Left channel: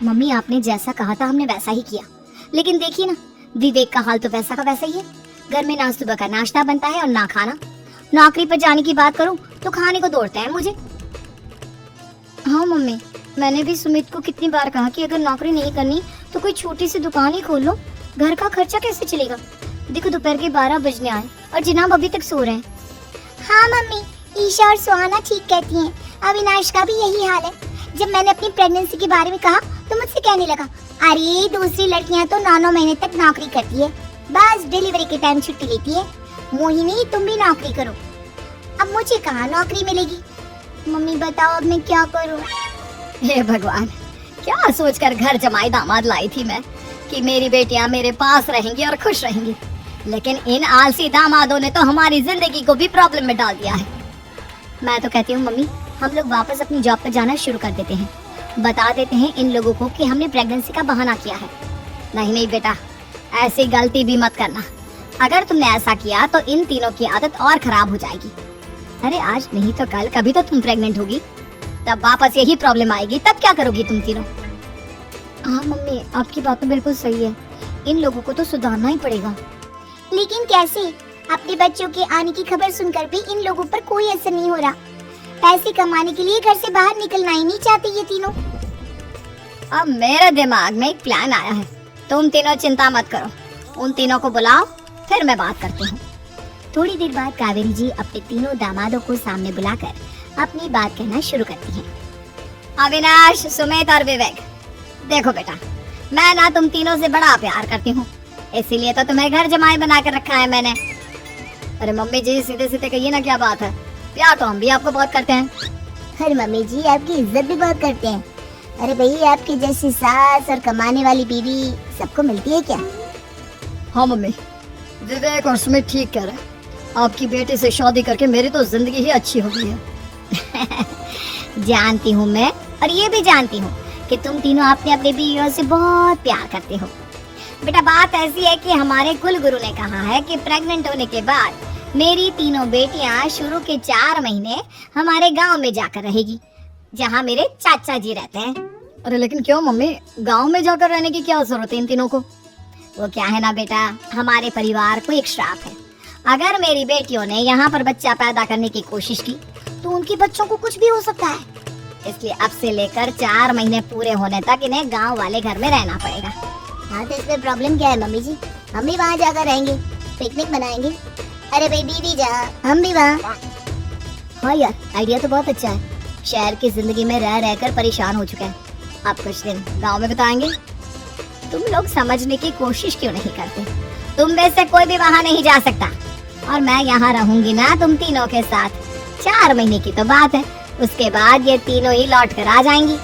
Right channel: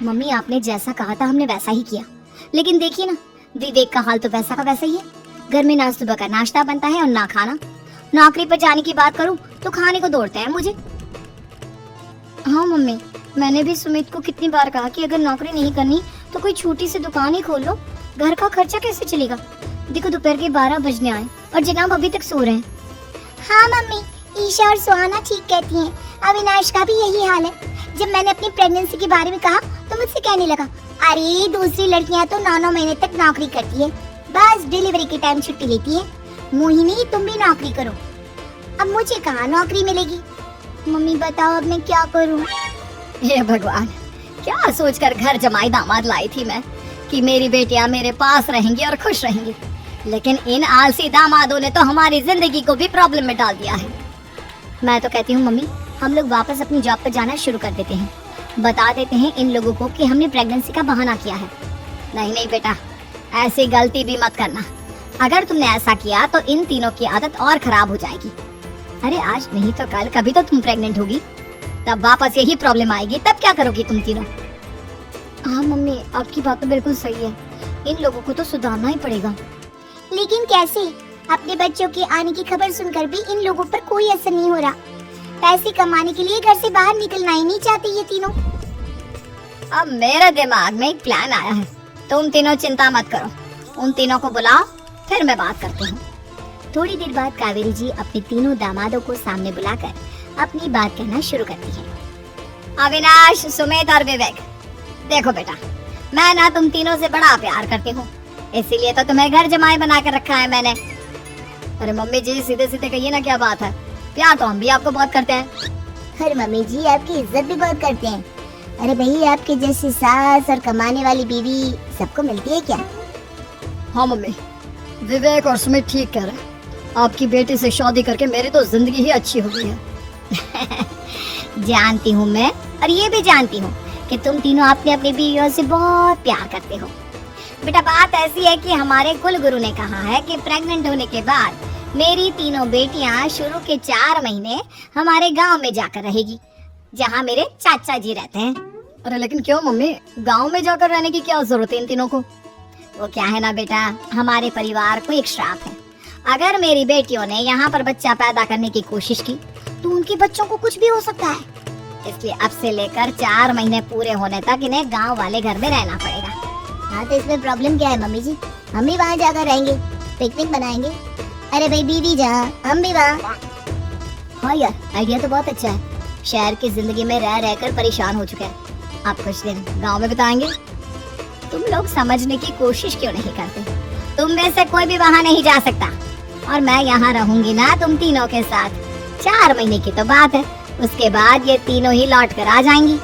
Mummy आपने जैसा कहा था हमने वैसा ही किया, लेकिन देखिए ना, विवेक का हाल तो वैसा का वैसा ही है। घर में ना सुबह का नाश्ता बनता है और ना खाना। नौकरी पर जाने की बात करूं तो खाने को दौड़ते हैं मुझे। हाँ मम्मी, मैंने भी सुमित को कितनी बार कहा कि अगर नौकरी नहीं करनी तो कोई छोटी सी दुकान ही खोल लो, घर का खर्चा कैसे चलेगा। देखो दोपहर के 12 बजने आए और जनाब अभी तक सो रहे हैं। हाँ मम्मी, ईशा और सुहाना ठीक कहती हैं। अविनाश का भी यही हाल है। जब मैंने अपनी प्रेगनेंसी के बारे में कहा तो मुझसे कहने लगा, अरे दूसरी लड़कियां तो 9-9 महीने तक नौकरी करती हैं, बस डिलीवरी के टाइम छुट्टी लेती हैं। मोहिनी तुम भी नौकरी करो। अब मुझे कहाँ नौकरी मिलेगी। मम्मी बताओ अब मैं क्या करूँ। हे भगवान, क्या सोचकर घर जमाई दामाद लाई थी मैं कि मेरी बेटियां मेरे पास रहेंगी और खुश रहेंगी, लेकिन इन आलसी दामादों ने तो हमारी जिंदगी को भी प्रॉब्लम में डाल दिया है। मैं तो कहती हूँ मम्मी, हम लोग वापस अपनी जॉब पर जाना शुरू कर देते हैं। बता देते हैं इन लोगों को कि हमने प्रेगनेंसी का बहाना किया है। नहीं नहीं बेटा, ऐसी गलती भी मत करना। अगर तुमने ऐसा किया तो इन तीनों की आदत और खराब हो जाएगी। अरे आज नहीं तो कल कभी तो तुम प्रेग्नेंट होगी, तब वापस यही प्रॉब्लम आएगी। तब क्या करोगी तुम तीनों। हाँ मम्मी, आपकी बात तो बिल्कुल सही है। इन लोगों को तो सुधारना ही पड़ेगा। लेकिन कैसे? अपने बच्चों के आने की खबर सुनकर भी इन लोगों पर कोई असर नहीं हो रहा। पैसे कमाने के लिए घर से बाहर निकलना ही नहीं चाहते ये तीनों। अब मेरे दिमाग में एक प्लान आया है। तुम तीनों चिंता मत करो, उन तीनों को बुलाओ, फिर मैं बात करती हूँ। थोड़ी देर बाद कावेरी जी अपने तीनों दामादों को सामने बुलाकर अपनी बात कहना शुरू करती है। अविनाश, सुमित और विवेक, देखो बेटा, मैं ना तुम तीनों से बड़ा प्यार करती हूँ, इसीलिए तो तुम्हें घर जमाई बना कर रखा है मैंने। अरे मम्मी जी, सीधे सीधे कहिए ना, क्या बात है। प्यार तो हम भी आपको बहुत करते हैं। अरे मम्मी जी, आपकी इज्जत भी बहुत करते हैं। अरे भाई, आपकी जैसी सास और कमाने वाली बीवी सबको मिलती है क्या? हाँ मम्मी, विवेक और सुमित ठीक कह रहे हैं। आपकी बेटी से शादी करके मेरी तो जिंदगी ही अच्छी हो गई है। जानती हूँ मैं, और ये भी जानती हूँ कि तुम तीनों अपने अपने बीवियों से बहुत प्यार करते हो। बेटा बात ऐसी है कि हमारे कुल गुरु ने कहा है कि प्रेग्नेंट होने के बाद मेरी तीनों बेटियां शुरू के 4 महीने हमारे गांव में जाकर रहेगी, जहां मेरे चाचा जी रहते हैं। अरे लेकिन क्यों मम्मी, गांव में जाकर रहने की क्या जरूरत है इन तीनों को। वो क्या है ना बेटा, हमारे परिवार को एक श्राप है। अगर मेरी बेटियों ने यहाँ पर बच्चा पैदा करने की कोशिश की तो उनके बच्चों को कुछ भी हो सकता है। इसलिए अब से लेकर 4 महीने पूरे होने तक इन्हें गांव वाले घर में रहना पड़ेगा। हाँ तो इसमें प्रॉब्लम क्या है मम्मी जी, हम भी वहाँ जाकर रहेंगे, पिकनिक मनाएंगे। अरे भाई दीदी जहाँ, हम भी वहाँ। हाँ यार, आइडिया तो बहुत अच्छा है। शहर की जिंदगी में रह रहकर परेशान हो चुके हैं, आप कुछ दिन गाँव में बिताएंगे। तुम लोग समझने की कोशिश क्यों नहीं करते? तुम में से कोई भी वहाँ नहीं जा सकता, और मैं यहाँ रहूंगी ना तुम तीनों के साथ। 4 महीने की तो बात है, उसके बाद ये तीनों ही लौट कर आ जाएंगी।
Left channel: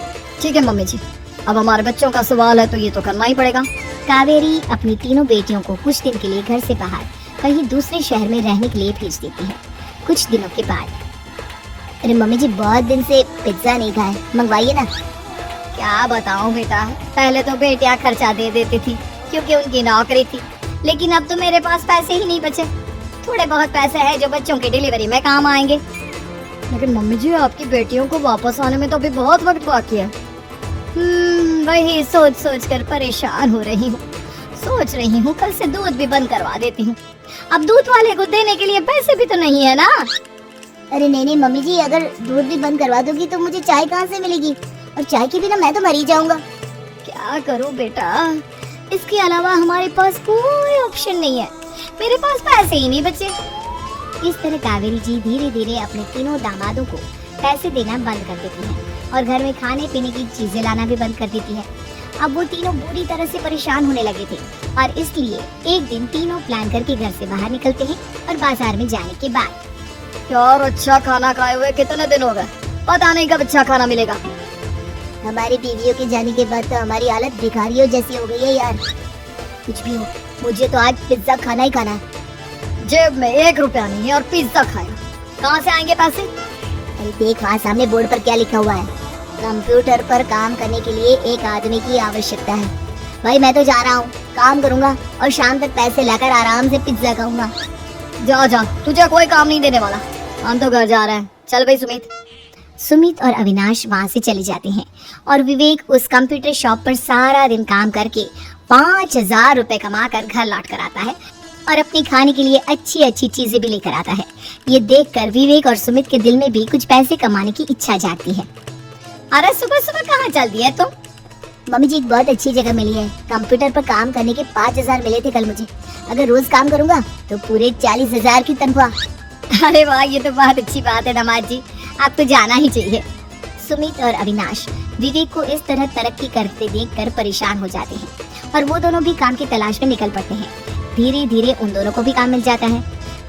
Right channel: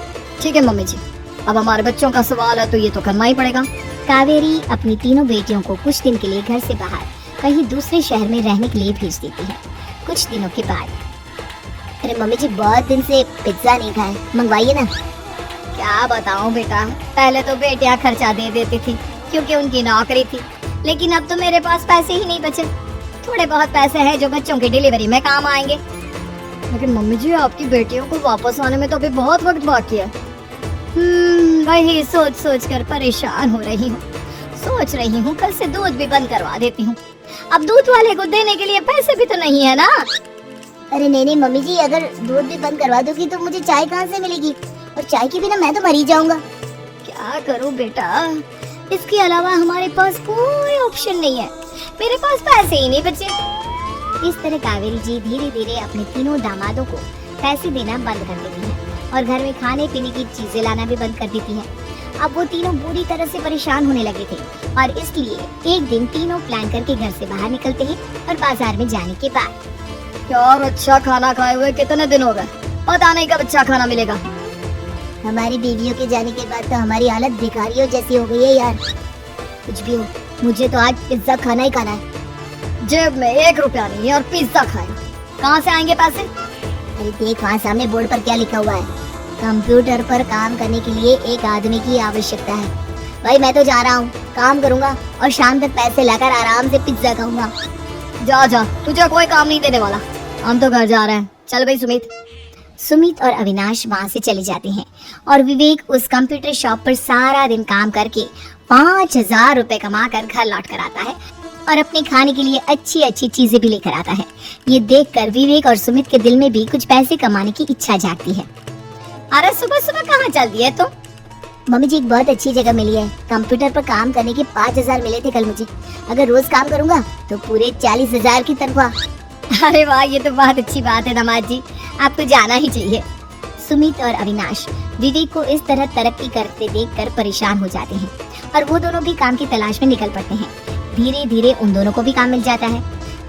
ठीक है मम्मी जी, अब हमारे बच्चों का सवाल है तो ये तो करना ही पड़ेगा। कावेरी अपनी तीनों बेटियों को कुछ दिन के लिए घर से बाहर कहीं दूसरे शहर में रहने के लिए भेज देती है। कुछ दिनों के बाद, अरे मम्मी जी बहुत दिन से पिज्जा नहीं खाया, मंगवाइए ना। क्या बताऊं बेटा, पहले तो बेटियां खर्चा दे देती थी क्योंकि उनकी नौकरी थी, लेकिन अब तो मेरे पास पैसे ही नहीं बचे। थोड़े बहुत पैसे हैं जो बच्चों की डिलीवरी में काम आएंगे। लेकिन मम्मी जी, आपकी बेटियों को वापस आने में तो अभी बहुत वक्त बाकी है। वही सोच सोच कर परेशान हो रही हूँ। सोच रही हूँ कल से दूध भी बंद करवा देती हूँ। अब दूध वाले को देने के लिए पैसे भी तो नहीं है ना। अरे नहीं नहीं मम्मी जी, अगर दूध भी बंद करवा दोगी तो मुझे चाय कहाँ से मिलेगी, और चाय के बिना मैं तो मर ही जाऊंगा। क्या करूँ बेटा, इसके अलावा हमारे पास कोई ऑप्शन नहीं है। मेरे पास पैसे ही नहीं बचे। इस तरह कावेरी जी धीरे धीरे अपने तीनों दामादों को पैसे देना बंद कर देती हैं और घर में खाने पीने की चीजें लाना भी बंद कर देती हैं। अब वो तीनों बुरी तरह से परेशान होने लगे थे, और इसलिए एक दिन तीनों प्लान करके घर से बाहर निकलते हैं। और बाजार में जाने के बाद, यार अच्छा खाना खाए हुए कितने दिन हो गए, पता नहीं कब अच्छा खाना मिलेगा। हमारी बीवियों के जाने के बाद तो हमारी हालत भिखारियों जैसी हो गई है यार। कुछ भी हो, मुझे तो आज पिज्जा खाना ही खाना है। जेब में 1 रुपया नहीं है और पिज्जा खाया, कहाँ से आएंगे पैसे? अरे देख वहाँ सामने बोर्ड पर क्या लिखा हुआ है, कंप्यूटर पर काम करने के लिए एक आदमी की आवश्यकता है। भाई मैं तो जा रहा हूँ, काम करूँगा और शाम तक पैसे लाकर आराम से पिज्जा खाऊंगा। जा जा, तुझे कोई काम नहीं देने वाला, हम तो घर जा रहे हैं। चल भाई सुमित। सुमित और अविनाश वहां से चले जाते हैं और विवेक उस कंप्यूटर शॉप पर सारा दिन काम करके 5,000 रुपए कमा कर घर लौट कर आता है और अपने खाने के लिए अच्छी अच्छी चीजें भी लेकर आता है। ये देखकर विवेक और सुमित के दिल में भी कुछ पैसे कमाने की इच्छा जागती है। अरे सुबह सुबह कहाँ चल दी है तुम? मम्मी जी एक बहुत अच्छी जगह मिली है। कंप्यूटर पर काम करने के 5,000 मिले थे कल मुझे। अगर रोज काम करूंगा तो पूरे 40,000 की तनख्वाह। अरे वाह, ये तो बहुत अच्छी बात है दामाद जी, आपको जाना ही चाहिए। सुमित और अविनाश विवेक को इस तरह तरक्की करते देखकर परेशान हो जाते हैं और वो दोनों भी काम की तलाश में निकल पड़ते हैं। धीरे धीरे उन दोनों को भी काम मिल जाता है।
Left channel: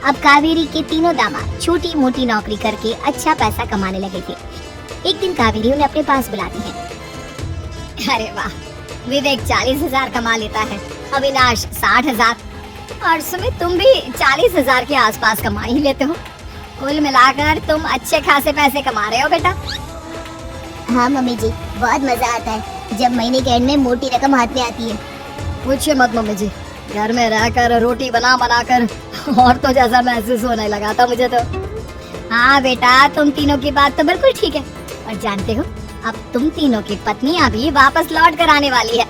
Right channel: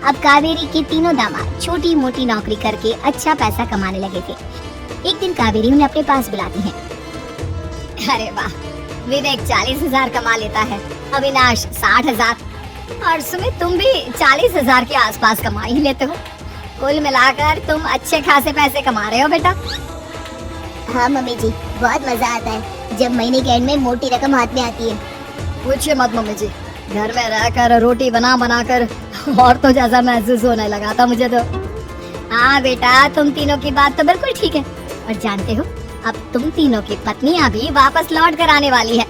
अब कावेरी के तीनों दामाद छोटी मोटी नौकरी करके अच्छा पैसा कमाने लगे थे। एक दिन कावेरी उन्हें अपने पास बुलाती है। अरे वाह, विवेक 40,000 कमा लेता है, अविनाश 60,000 और सुमित तुम भी 40,000 के आसपास कमा ही लेते हो। कुल मिलाकर तुम अच्छे खासे पैसे कमा रहे हो बेटा। हाँ मम्मी जी, बहुत मजा आता है जब महीने के एंड में मोटी रकम हाथ में आती है। पूछिए मत मम्मी जी, घर में रहकर रोटी बना बना कर और तो जैसा महसूस होने लगा था मुझे तो। हाँ बेटा, तुम तीनों की बात तो बिल्कुल ठीक है। और जानते हो, अब तुम तीनों की पत्नियां भी वापस लौट कर आने वाली है।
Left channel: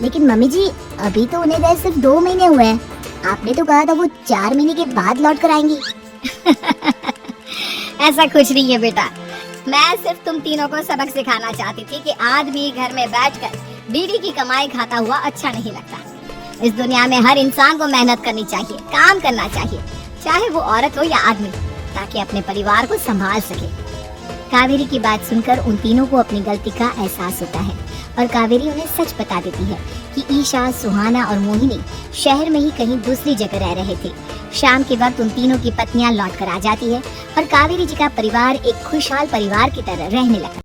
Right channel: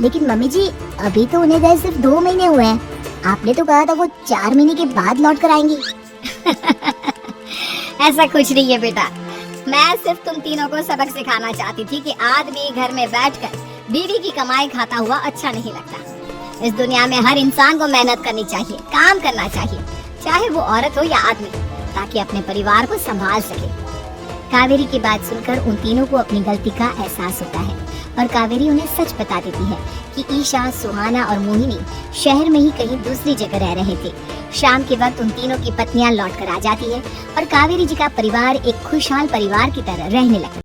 लेकिन मम्मी जी अभी तो उन्हें गए सिर्फ 2 महीने हुए हैं। आपने तो कहा था वो 4 महीने के बाद लौट कर आएंगी। ऐसा कुछ नहीं है बेटा, मैं सिर्फ तुम तीनों को सबक सिखाना चाहती थी कि आदमी घर में बैठकर बीवी की कमाई खाता हुआ अच्छा नहीं लगता। इस दुनिया में हर इंसान को मेहनत करनी चाहिए, काम करना चाहिए, चाहे वो औरत हो या आदमी, ताकि अपने परिवार को संभाल सके। कावेरी की बात सुनकर उन तीनों को अपनी गलती का एहसास होता है और कावेरी उन्हें सच बता देती है कि ईशा, सुहाना और मोहिनी शहर में ही कहीं दूसरी जगह रह रहे थे। शाम के वक्त उन तीनों की पत्नियां लौट कर आ जाती है और कावेरी जी का परिवार एक खुशहाल परिवार की तरह रहने लगता है।